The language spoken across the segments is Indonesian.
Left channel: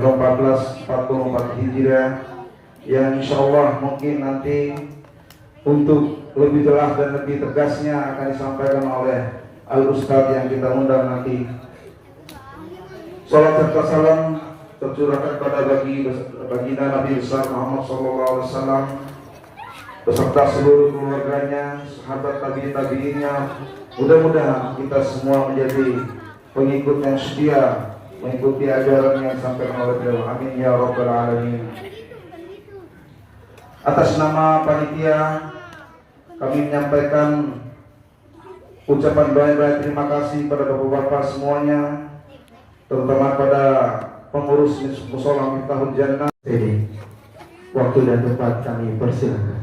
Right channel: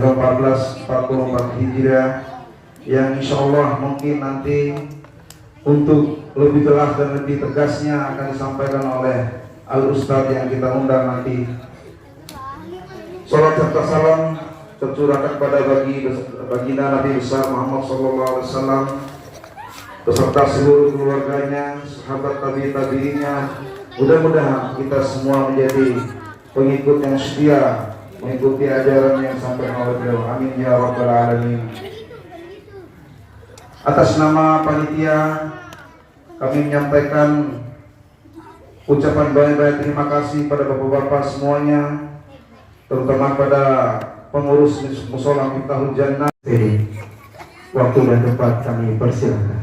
1444 Hijriah yang insyaallah mungkin nanti untuk lebih jelas dan lebih tegasnya akan disampaikan oleh Al-Ustadz yang kita undang nanti. Salat serta salam tercurahkan kepada baginda Nabi besar Muhammad SAW beserta seluruh keluarganya, sahabat tabi'innya. Mudah-mudahan kita semua menjadi pengikut yang setia, mengikuti ajaran yang disampaikan oleh beliau. Amin ya rabbal alamin. Atas nama panitia kami menyampaikan ucapan banyak-banyak terima kasih pada bapak-bapak semuanya, terutama pada pengurus Mushola Miftahul Jannah. Waktu dan tempat kami persilakan.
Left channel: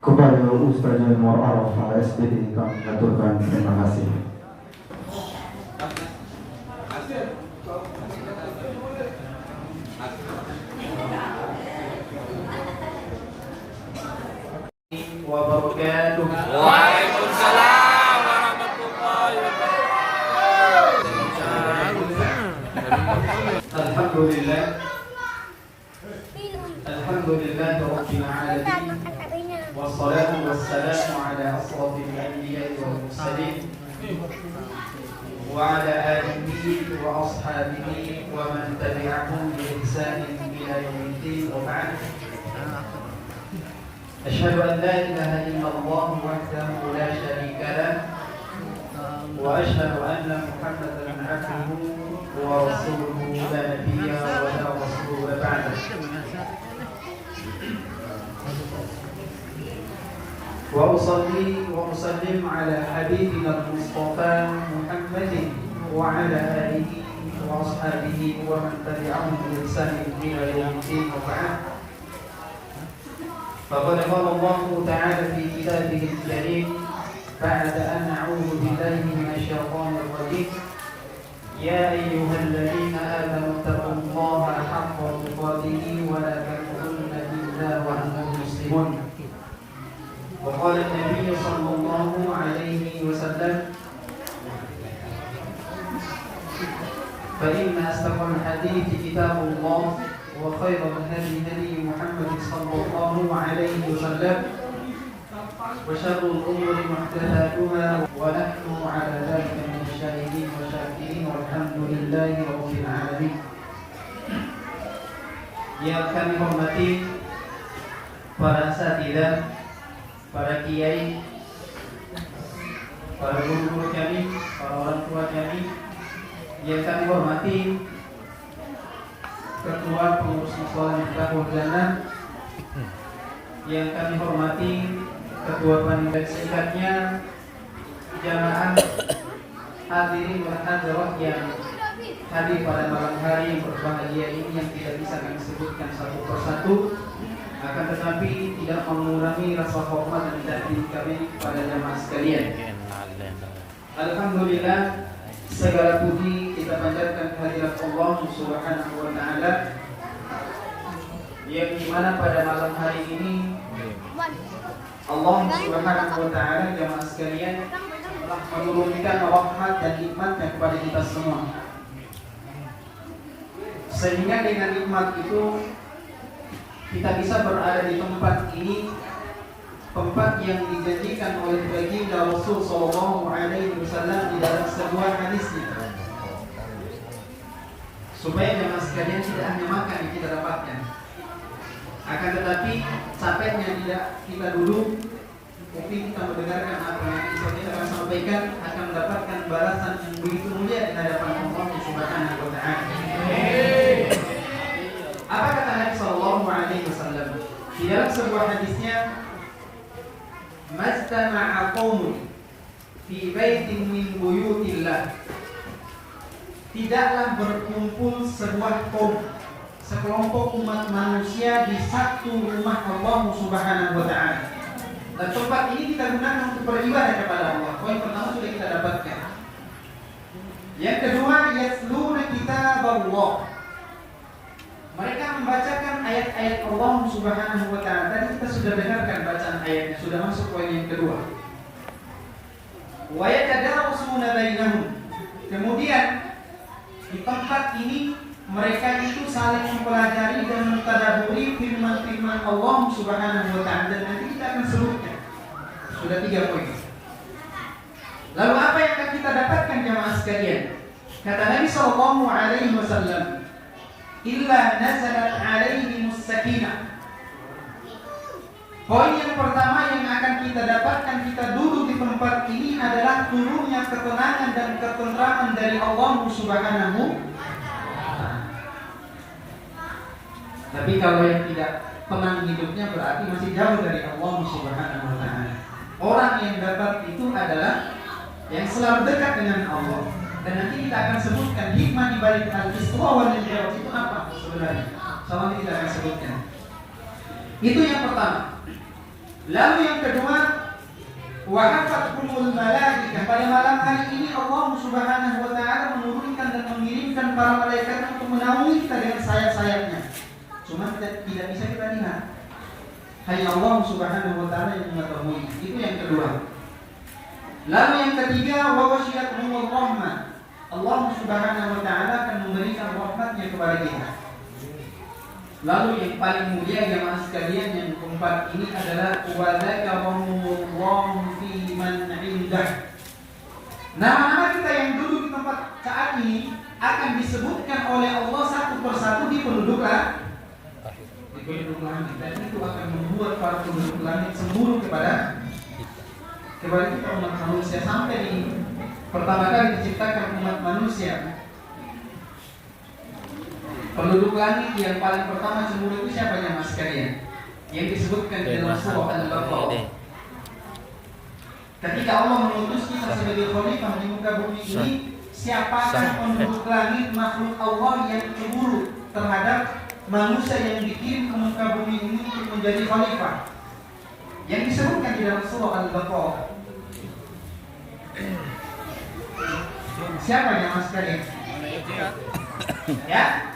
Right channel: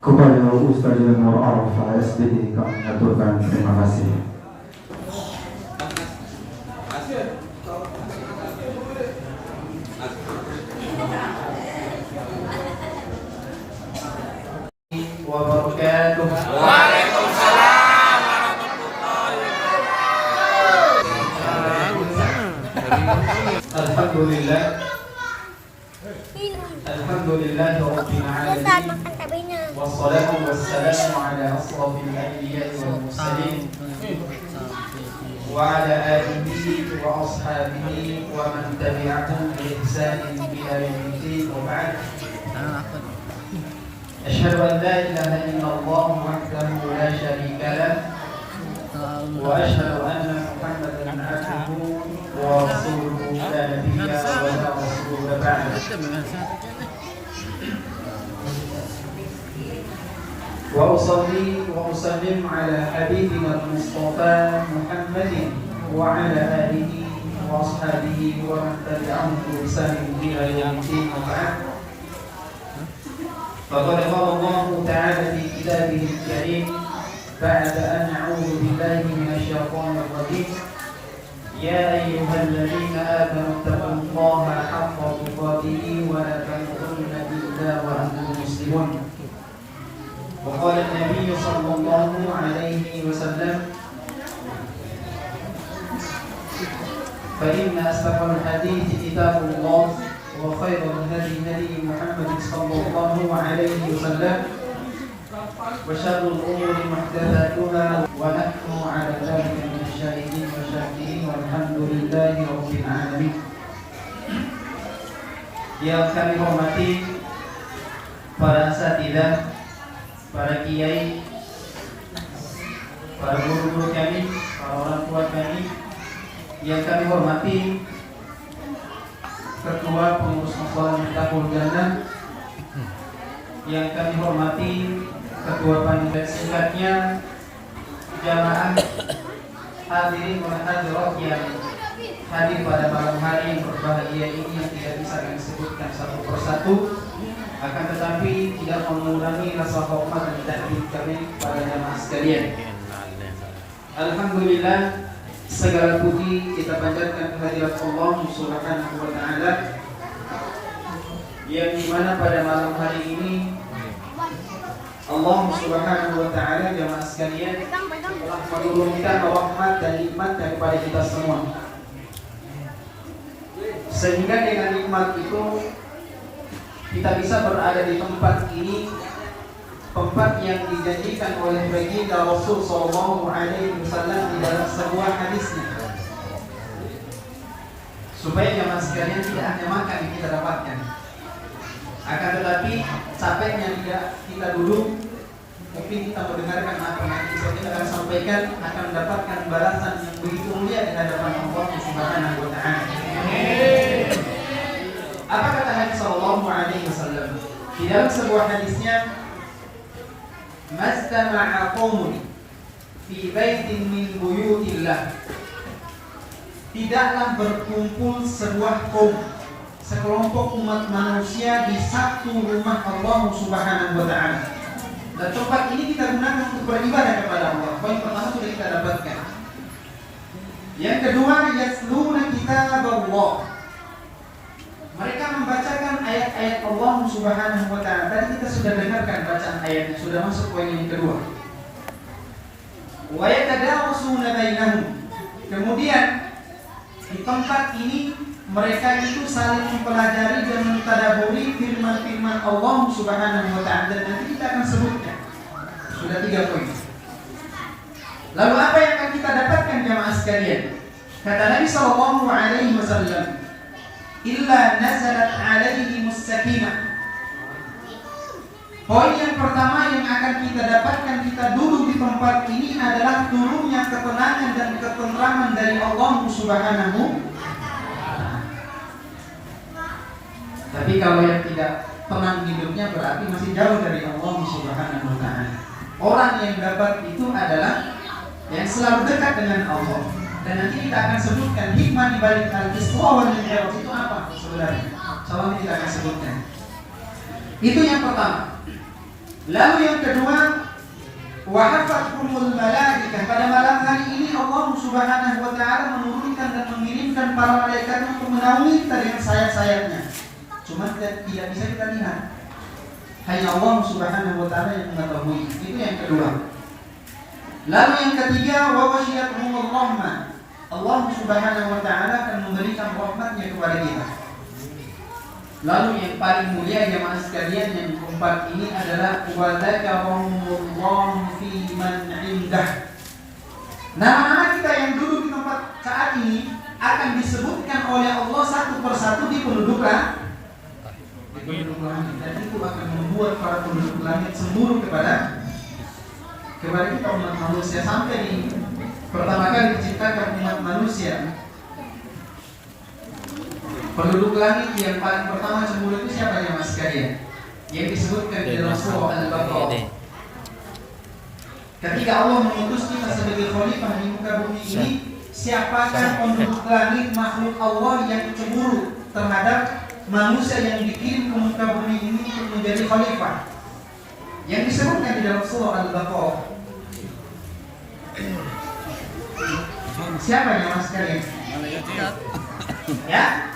Kepada Ustaz Nur Arafah SPD kami mengaturkan terima kasih. Waalaikumsalam warahmatullahi wabarakatuh. Alhamdulillah. Alhamdulillah rabbil alamin. Wassalatu wassalamu ala asrafil anbiya'i wal mursalin wa ala alihi wa ashabihi wa man tabi'ahum bi ihsanin ila yaumiddin wa ba'd. Asyhadu an la ilaha illallah wahdahu la syarika lah wa asyhadu anna Muhammadan abduhu wa rasuluhu la nabiyya wa la rasula ba'da. وأصلي وأسلم على حبيبنا المصطفى محمد وعلى آله وأصحابه ومن تبعهم بإحسان إلى يوم الدين وبعد. فقد قال الله تعالى في كتابه الكريم بعد أن أعوذ بالله من الشيطان الرجيم يا أيها الذين آمنوا اتقوا الله حق تقاته ولا تموتن إلا وأنتم مسلمون. وقال النبي صلى الله عليه وسلم فإن أصدق الحديث كتاب الله وخير الهدي هدي محمد صلى الله عليه وسلم وشر الأمور محدثاتها ونحن على ذلك من الشاهدين والشاكرين والحمد لله رب العالمين. Yang kami hormati para asatidzah, para kiai, para guru-guru kami, para orang tua kami, yang kami hormati Ketua Pengurus Masalah Miftahul Jannah, yang kami hormati Ketua Panitia, singkatnya jamaah hadirin wal hadirat yang hadir pada malam hari yang berbahagia ini, yang tidak bisa kami sebutkan satu persatu, akan tetapi tidak mengurangi rasa hormat dan takdim kami pada jamaah sekalian. Alhamdulillah, segala puji kita panjatkan kehadirat Allah Subhanahu wa taala, yang dimana pada malam hari ini Allah Subhanahu wa taala jamaah sekalian telah menurunkan rahmat dan nikmat kepada kita semua. Sehingga dengan nikmat itu kita bisa berada di tempat ini, tempat yang dijanjikan oleh baginda Rasul sallallahu alaihi wasallam di dalam sebuah hadisnya. Supaya jemaah sekalian tidak hanya makan yang kita dapatkan, akan tetapi capeknya tidak kita duduk, tapi kita mendengarkan apa yang kita akan sampaikan, akan mendapatkan balasan yang begitu mulia di hadapan Allah Subhanahu wa taala. Apa kata Nabi sallallahu alaihi wasallam? Di dalam sebuah hadisnya, "Mastama'a qaumun fi baitin min buyutillah." Tidaklah berkumpul sebuah kaum, sekelompok umat manusia di satu rumah Allah Subhanahu wa taala. Dan tempat ini kita gunakan untuk beribadah kepada Allah. Poin pertama sudah kita dapatkan. Yang kedua, yasluna kitab Allah. Mereka membacakan ayat-ayat Allah Subhanahu wa taala. Tadi kita sudah dengarkan bacaan ayatnya, sudah masuk poin yang kedua. Wa yatadarusuna bainahum. Kemudian di tempat ini mereka itu saling mempelajari dan mentadaburi firman-firman Allah Subhanahu wa taala, dan nanti kita akan sebutkan. Sudah 3 poin. Lalu apa yang akan kita dapatkan jemaah sekalian? Kata Nabi sallallahu alaihi wasallam, "Illa nazalat alaihimus sakinah." Poin yang pertama yang akan kita dapatkan kita duduk di tempat ini adalah turunnya ketenangan dan ketentraman dari Allah Subhanahu. Tapi kalau yang tidak tenang hidupnya berarti masih jauh dari Allah Subhanahu wa taala. Orang yang dapat itu adalah yang selalu dekat dengan Allah. Dan nanti kita akan sebutkan hikmah di balik al-Isra wal Mi'raj itu apa sebenarnya. Soalnya kita akan sebutkan. Itu yang pertama. Lalu yang kedua, wa hafathumul malaikah. Pada malam hari ini Allah Subhanahu wa taala menurunkan dan mengirimkan para malaikat untuk menaungi kita dengan sayap-sayapnya. Cuma tidak bisa kita lihat. Hanya Allah Subhanahu wa taala yang mengetahui. Itu yang kedua. Lalu yang ketiga, wa wasyiyatuhumur rahmah. Allah Subhanahu wa taala akan memberikan rahmatnya kepada kita. Lalu yang paling mulia jemaah sekalian yang keempat ini adalah wa dzakarahumullahu fi man 'indah. Nama-nama kita yang duduk di tempat saat ini akan disebutkan oleh Allah satu persatu di penduduk langit. Dan itu akan membuat para penduduk langit cemburu kepada kita umat manusia. Sampai di pertama kali diciptakan umat manusia, penduduk langit yang paling pertama cemburu itu siapa ya mas sekalian? Yang disebutkan di dalam surah Al-Baqarah. Ketika Allah mengutus kita sebagai khalifah di muka bumi ini, siapakah penduduk langit makhluk Allah yang cemburu terhadap manusia yang dikirim ke muka bumi ini untuk menjadi khalifah? Yang disebutkan di dalam surah Al-Baqarah. Siapa ya mas sekalian? Ya?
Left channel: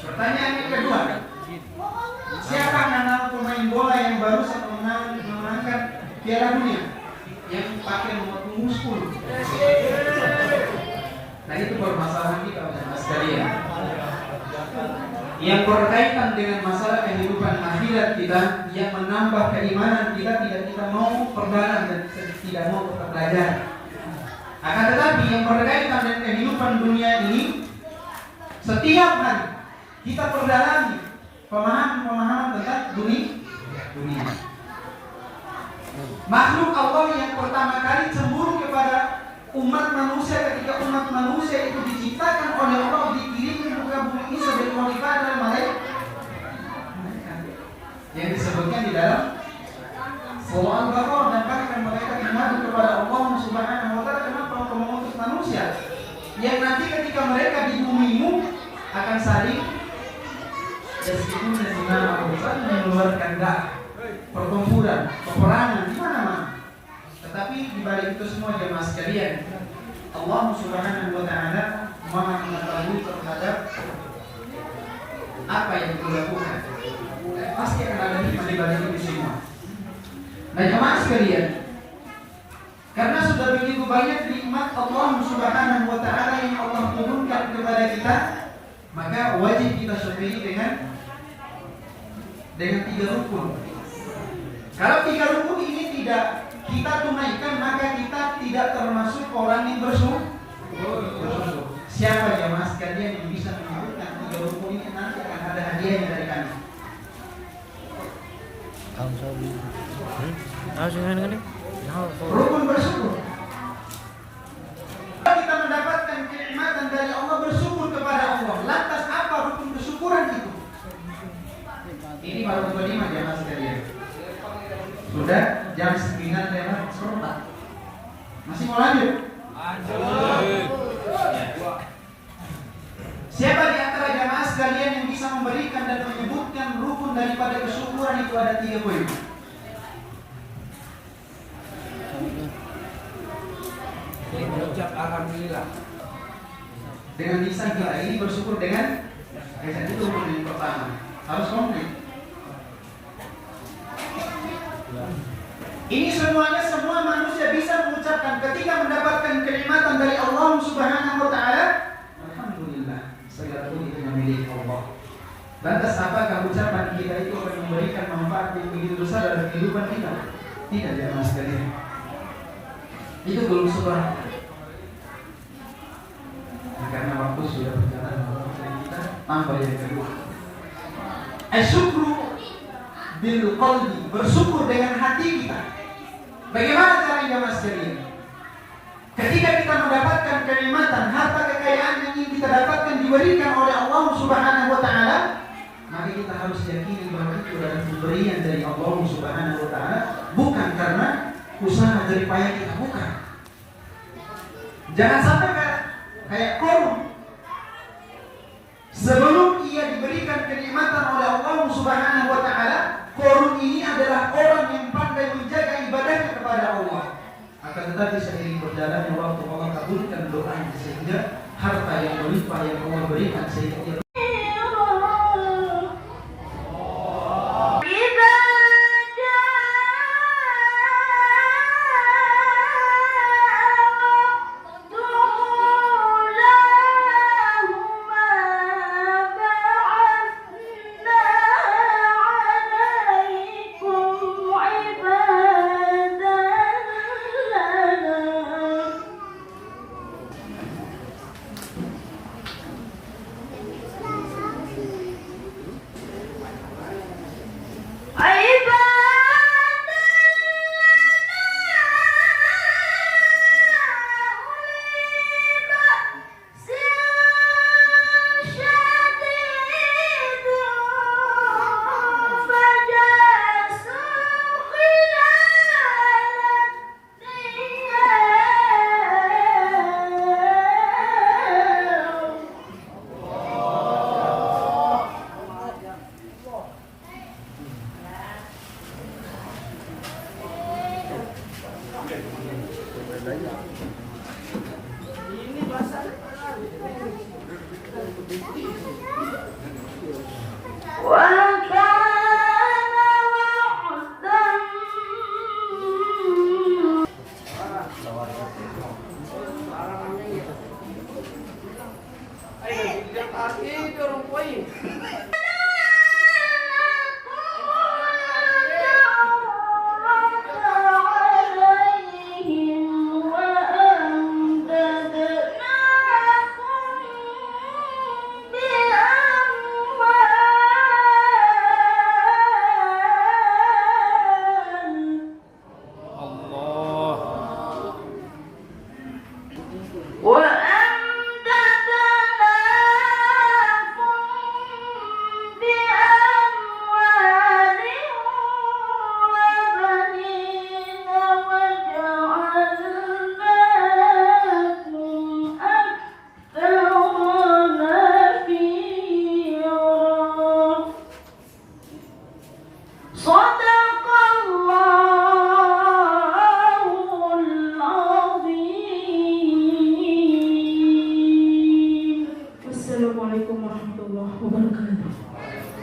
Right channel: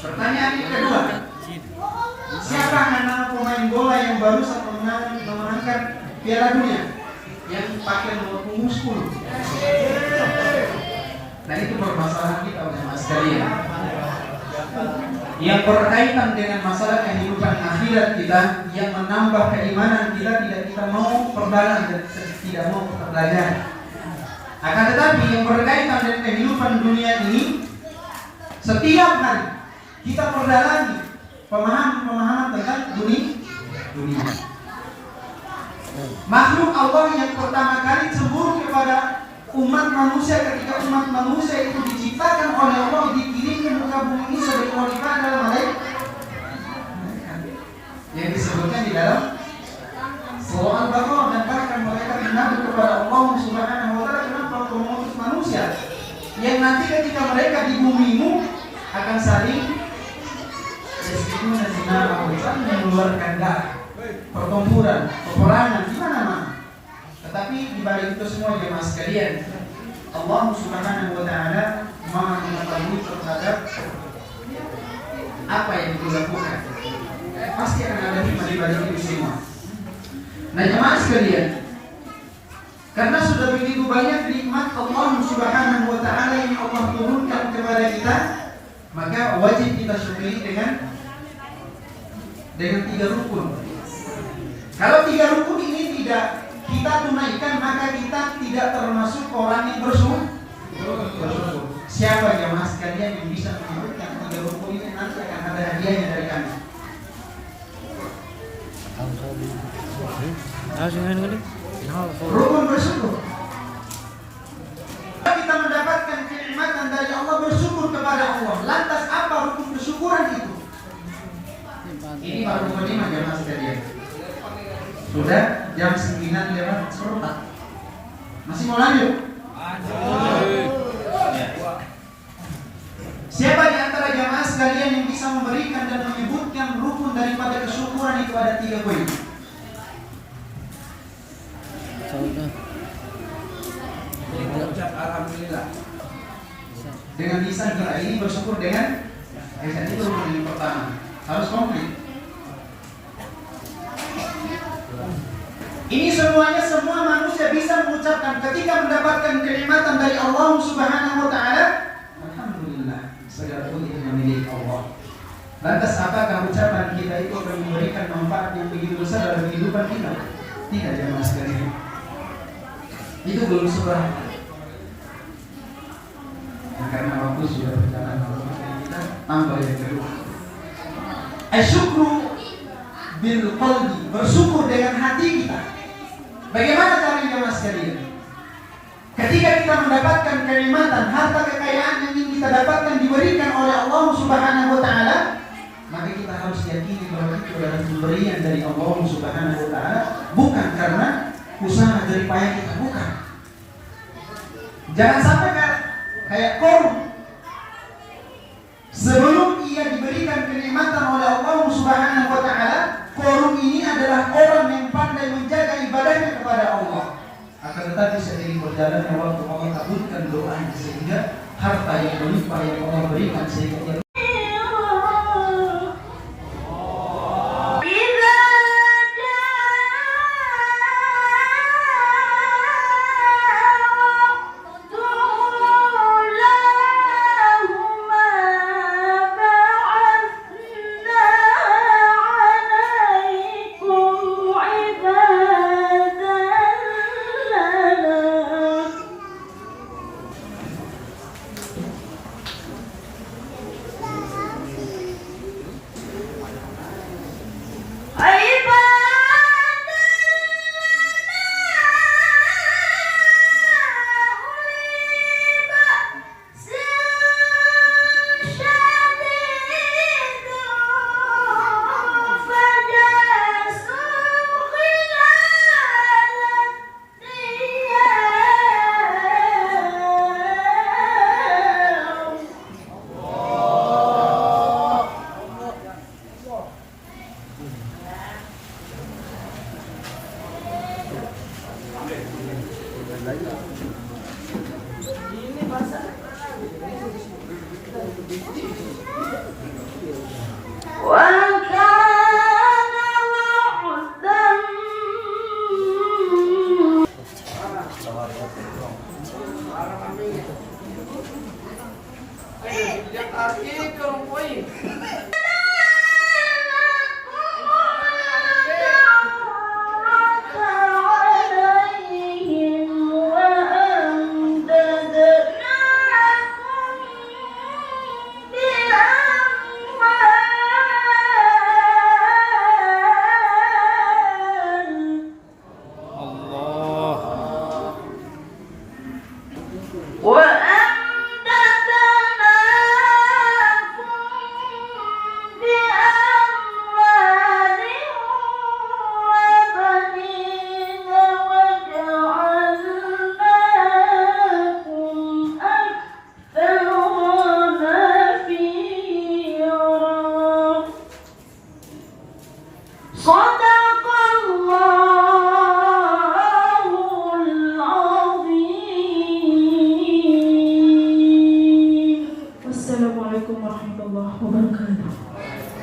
Pertanyaan yang kedua, siapa nama pemain bola yang barusan memenangkan Piala Dunia yang pakai nomor punggung 10? Nah itu permasalahan kita jemaah sekalian. Yang berkaitan dengan masalah kehidupan akhirat kita, yang menambah keimanan kita, tidak kita mau perdalam dan tidak mau belajar. Akan tetapi yang berkaitan dengan kehidupan dunia ini, setiap hari kita perdalami pemahaman tentang dunia. Makhluk Allah yang pertama kali cemburu kepada umat manusia ketika umat manusia itu diciptakan oleh Allah, dikirim ke muka bumi ini sebagai wanita adalah malaikat yang disebutkan di dalam surah Al-Baqarah, dan bahkan mereka mengadu kepada Allah Subhanahu wa taala kenapa engkau mengutus manusia yang nanti ketika mereka di bumimu akan saling mengeluarkan darah, pertempuran, peperangan di mana-mana. Tetapi di balik itu semua jemaah sekalian, Allah Subhanahu wa taala Maha mengetahui terhadap apa yang dilakukan. Pasti akan ada hikmah di balik itu semua. Nah jemaah sekalian, karena sudah begitu banyak nikmat Allah Subhanahu wa taala yang Allah turunkan kepada kita, maka wajib kita syukuri dengan 3 rukun. Kalau 3 rukun ini tidak kita tunaikan, maka kita tidak termasuk orang yang bersyukur. Siapa jemaah sekalian yang bisa menyebutkan 3 rukun ini, nanti akan ada hadiahnya dari kami. Rukun bersyukur. Kita mendapatkan kenikmatan dari Allah, bersyukur kepada Allah. Lantas apa rukun bersyukuran itu? Ini baru kelima jemaah sekalian. Sudah jam 9:04. Masih mau lanjut? Ya. Siapa di antara jamaah sekalian yang bisa memberikan dan menyebutkan rukun daripada kesyukuran itu? Ada 3 poin. Alhamdulillah. Dengan lisan kita ini bersyukur dengan lisan, itu rukun yang pertama. Harus komplit. Ini semuanya, semua manusia bisa mengucapkan ketika mendapatkan kenikmatan dari Allah Subhanahu wa taala, alhamdulillah, segala puji hanya milik Allah. Lantas apakah ucapan kita itu akan memberikan manfaat yang begitu besar dalam kehidupan kita? Tidak, jemaah sekalian. Itu belum seberapa. Karena waktu sudah berjalan, kita tambah yang kedua. Asyukru bil qalbi, bersyukur dengan hati kita. Bagaimana caranya jemaah sekalian? Ketika kita mendapatkan kenikmatan, harta kekayaan yang ingin kita dapatkan diberikan oleh Allah Subhanahu wa taala, maka kita harus yakini bahwa itu adalah pemberian dari Allah Subhanahu wa taala, bukan karena usaha dari payah kita, bukan. Jangan sampai kayak Qarun. Sebelum ia diberikan kenikmatan oleh Allah Subhanahu wa taala, Qarun ini adalah orang yang pandai menjaga ibadahnya kepada Allah. Akan tetapi seiring berjalannya waktu, Allah kabulkan doanya sehingga harta yang berlimpah yang Allah berikan sehingga Aqui, eu não ponho. Assalamualaikum warahmatullahi wabarakatuh.